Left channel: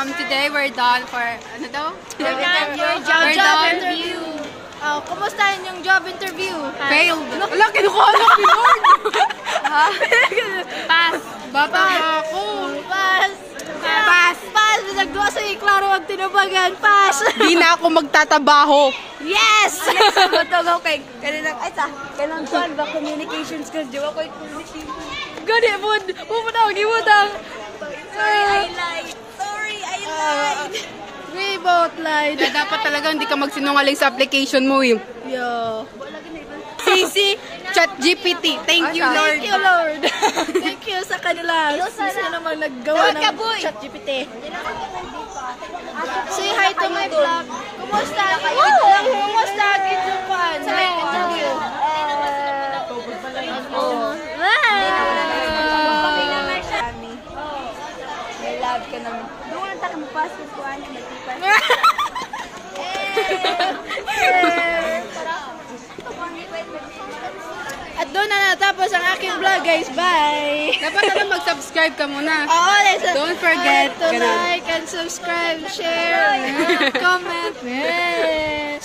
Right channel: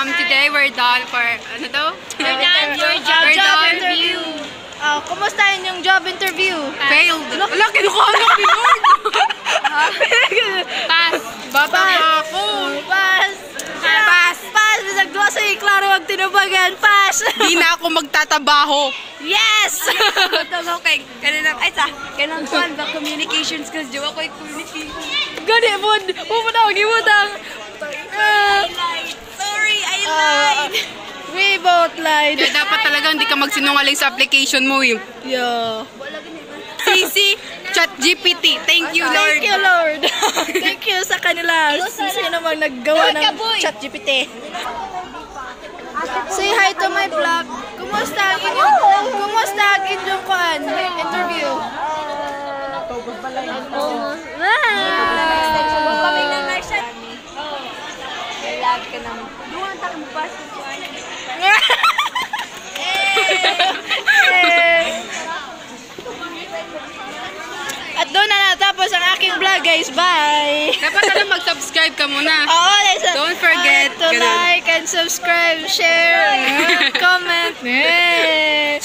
Today we're done for, ano to? We're job interview. Kumusta yung job interview? Failed. Wala, kinukuha na pinord. Pass. Bata pa ako. Pass. Pass. Pass. Bisag duwa sa klaro ang tinubagan. Pass. Di na ako magtatabaho. Yes! Matulog kay kanang ay sa kanang kwan ba communications skills jo ako communication. Gani mo mo giwudang. Sorry, I lied. We both lied. Dapat talaga hindi ka magsinungaling sa application mo eh. Yo. CC ChatGPT. Thank you, Lord. Thank you, Lord. Thank you sa kanila. Sino naman naggawa ng ChatGPT. Say hi to my vlog. Kumusta ang inyong kwan? Interview. At doon na natapos ang aking vlog, guys. Bye! Dapat na mag-subscribe ka muna. Oo, don't forget to like and subscribe, share, comment. Bye!